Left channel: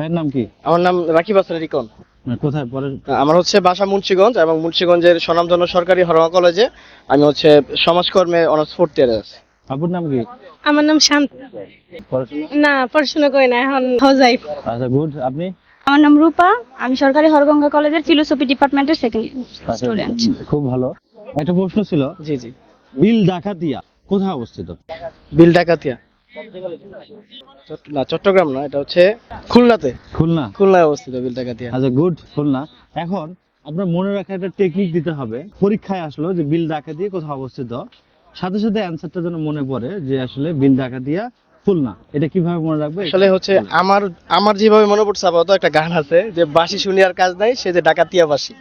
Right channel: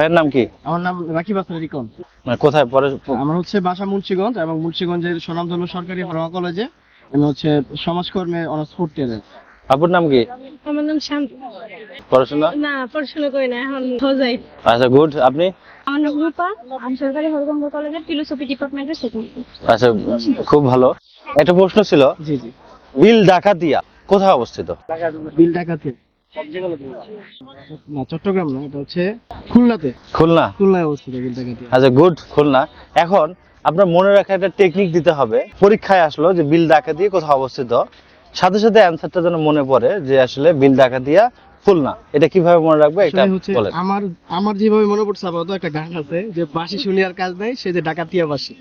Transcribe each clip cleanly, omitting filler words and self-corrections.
ভাইয়ের নাম কি? আমার নাম রাকিব হাসান রিকন। মানে কোথায় পড়ে? আমার হচ্ছে বাসা মুন্সিগঞ্জ এবং মুন্সিগঞ্জের স্বনামধন্য সরকারি হরমা কলেজে আমি হচ্ছে সমাজকর্মে অনার্স ফোর্থ ইয়ারে আছি। আপুর নাম কি? আমার নাম শান্ত। পড়াশোনা? না, পড়াশোনা করি না, এখন হাউসওয়াইফ। আচ্ছা, গুড। আপনি? আমার নাম রূপা, আমি সরকারি হরগঙ্গা কলেজের ফিলোসফি ডিপার্টমেন্টের সেকেন্ড আচ্ছা, স্টুডেন্ট। খুব ভালো। একটা প্রশ্ন ছিল, জি জি। বিল ডাকাতিয়া কোথায় অবস্থিত? বিল ডাকাতিয়া না, চট্টগ্রাম না, এটা হচ্ছে খুলনাতে। খুলনা? খুলনায় অবস্থিত বিল ডাকাতিয়া। আচ্ছা, গুড, খুলনা। এখন আপনার মনে রাখা একটা টেকনিক দিতে হবে। পরীক্ষায় আসলো যে বিল ডাকাতিয়া কোথায় অবস্থিত, সাথে সাথে অ্যানসারটা যেন মনে পড়ে যে আসলে বিল ডাকাতিয়া খুলনা। এটা কিভাবে মনে রাখবে? আসলে হচ্ছে আমার যেভাবে মনে পড়ছে আপাতত একটা গান আছে যে বাঁশি শুনি আর কাজ নাই, সে যে ডাকাতিয়া বাঁশি।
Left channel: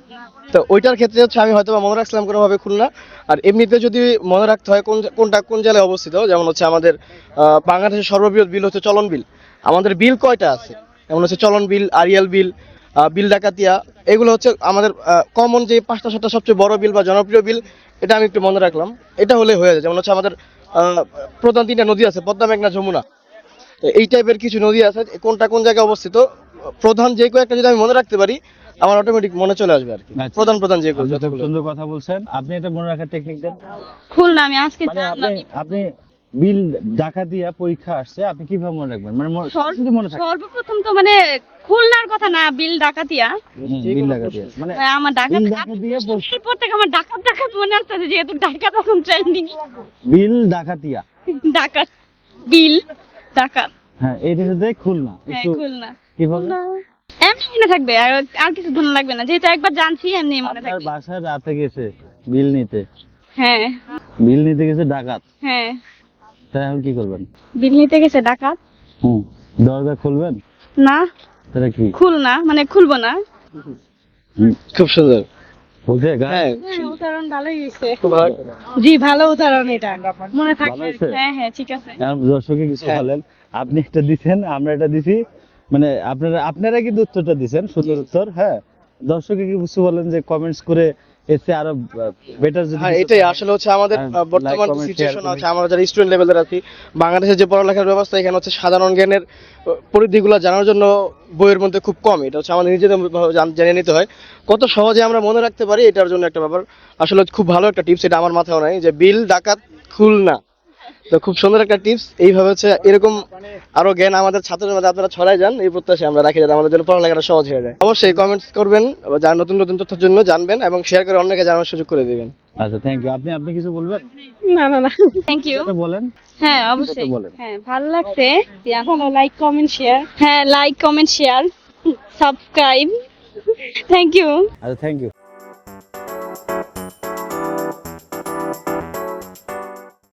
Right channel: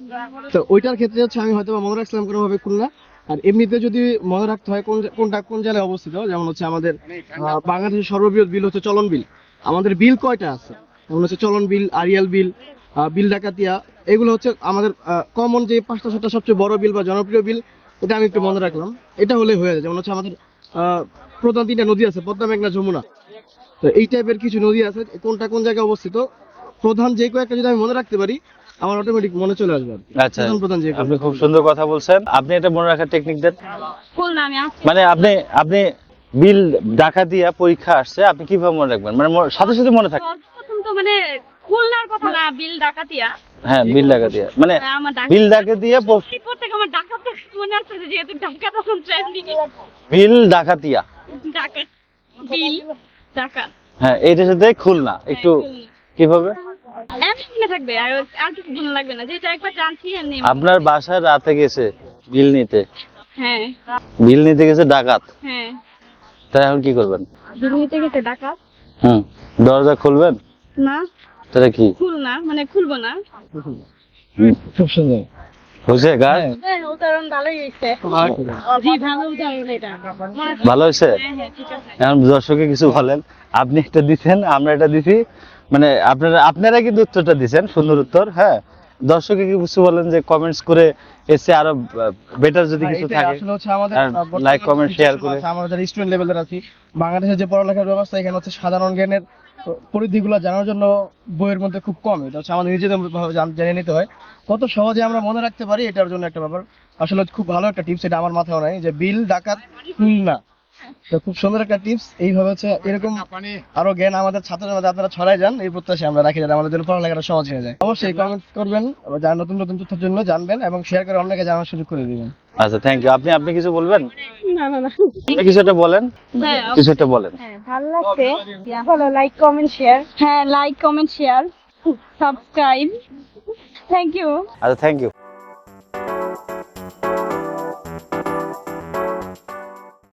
তো ওইটার ক্ষেত্রে হচ্ছে আমি হয়তো মনে রাখছিলাম কোনোভাবে খুলনা। আর এমনিতে যদি মনে রাখতে হয় কোনটা কোন জেলায় অবস্থিত, যেমন হচ্ছে আমাদের বাংলাদেশের সর্ববৃহৎ বিল হচ্ছে চলন বিল। আমাদের বিল কয়টা আছে, যেমন হচ্ছে চলন বিল, আরিয়াল বিল, বিল ডাকাতিয়া, এগুলো হচ্ছে আমাদের কমন যে 5টা সবচেয়ে বড় বিল বা জনপ্রিয় বিল। এটা আমি একটু মনে রাখলাম, এটা হলে হয়ে যায়। যেমন হচ্ছে আমাদের প্রধান 3টা নদী আছে, পদ্মা, মেঘনা, যমুনা। তো এই টাইপের কিছু নদী আছে, কোনটা কোন জায়গায় অবস্থিত, প্রধান যে কয়েকটা যদি আমি মনে রাখতে পারি আমার অটোমেটিক মনে চলে আসবে আর কি। আচ্ছা, প্রধান যে আপনি খুব সুন্দর কথা বলছেন। আপনি এটা মনে রাখার টেকনিক দেন। খুলনা আমি আজকে মানে আপনি বিল ডাকাতিয়া পরীক্ষা আসছে, আপনি কিভাবে মনে রাখবেন? মানে সাথে সাথে মনে থাকে? সর্বপ্রথম তো মানে খুলনার কথা না, বিল ডাকাতিয়া। হ্যাঁ, বিল ডাকাতিয়া মানে আমার বিল ডাকাতিয়া এই প্রত্যেক আমার ডাকাত ডাকাত মনে আসছে, যেহেতু ডাকাত এখন ট্রেন্ডিং। বিল ডাকাতিয়া, ডাকাত, বিল ডাকাত। হ্যাঁ, এইটার সাথে খুলনা একটু খুলনা কিভাবে? এমনি মনে থাকবে, আর কিছু দূর লাগবে না, যেহেতু একবার জানছি এমনি মনে আপনার থাকবে। বাসায় রাতে গেছে বিল নিতে, হ্যাঁ বিল নিতে গেছে ডাকাত, হ্যাঁ, তাই এখন কি করবেন? বিল নিতে গেছে ডাকাত। দরজা খুলবেন? না, তাহলে কি? খুলনা মানে খুলবো না। খুব সুন্দর বুঝে গায়ে? উদাহরণ ভালোই হয়েছে। জি, ভালো উদাহরণ, এটা মনে থাকবে। ভালো হয়েছে? হ্যাঁ হ্যাঁ, ঠিক আছে। এখন দর্শকে কিছু বলেন। আপনি এটা দিচ্ছেন, আমরা এটা দিছি, মানে আপনারা কিন্তু উত্তরটা দিচ্ছেন, সুন্দর উত্তর। হ্যাঁ, দর্শকে কিছু বলেন যে কমেন্টস করে এসে আরো বেটার যদি কিছু এটাই থাকে। আসলে হচ্ছে আমাদের লাইক, বর্তমান কমেন্ট, শেয়ার সিচুয়েশন করে। আছে, আমরা যারা স্টুডেন্ট লেভেলের আছি, বাংলাদেশের যে পড়ালেখার ব্যবস্থা, এখানে হচ্ছে সাধারণ জ্ঞানের পরিধিগুলো জানার জন্য বইয়ের মধ্যে খুব কম। এটা হচ্ছে আমাদের নিজেদের জেনে নিতে হয়, কত সহজে আমরা মনে রাখতে পারি, এটার জন্য একটা ব্যাপার। আসলে খুব ভালো একটা টিপস, এটা আমার মাথায় নাই যে বিল ডাকাত খুলনা। তো খুব সুন্দর একটা টিপস। এইভাবে হচ্ছে এরকম আরো জ্ঞান আমাদের ছাত্রদের মধ্যে আপনারা ছড়াই যান, এই প্রত্যাশা আমরা রাখি, যাতে আমাদের জন্য পড়ালেখাটা সহজ হয়ে যায়। অবশ্যই কমেন্টস করবেন, যা নতুন নতুন তথ্যের জন্য জানবেন, এবং শেয়ার করে অন্যকে জানার সুযোগ করে দিবেন। আচ্ছা, থ্যাংক ইউ। আপনি কিছু বলবেন? না না না, কিছু একটা বলেন। হ্যাঁ কিছু একটা বলেন। হ্যাঁ, ভালো লাগছে। ভালো, লাইক কমেন্ট শেয়ার। হ্যাঁ, like comment share, subscribe. Thank you. আচ্ছা, থ্যাংক ইউ।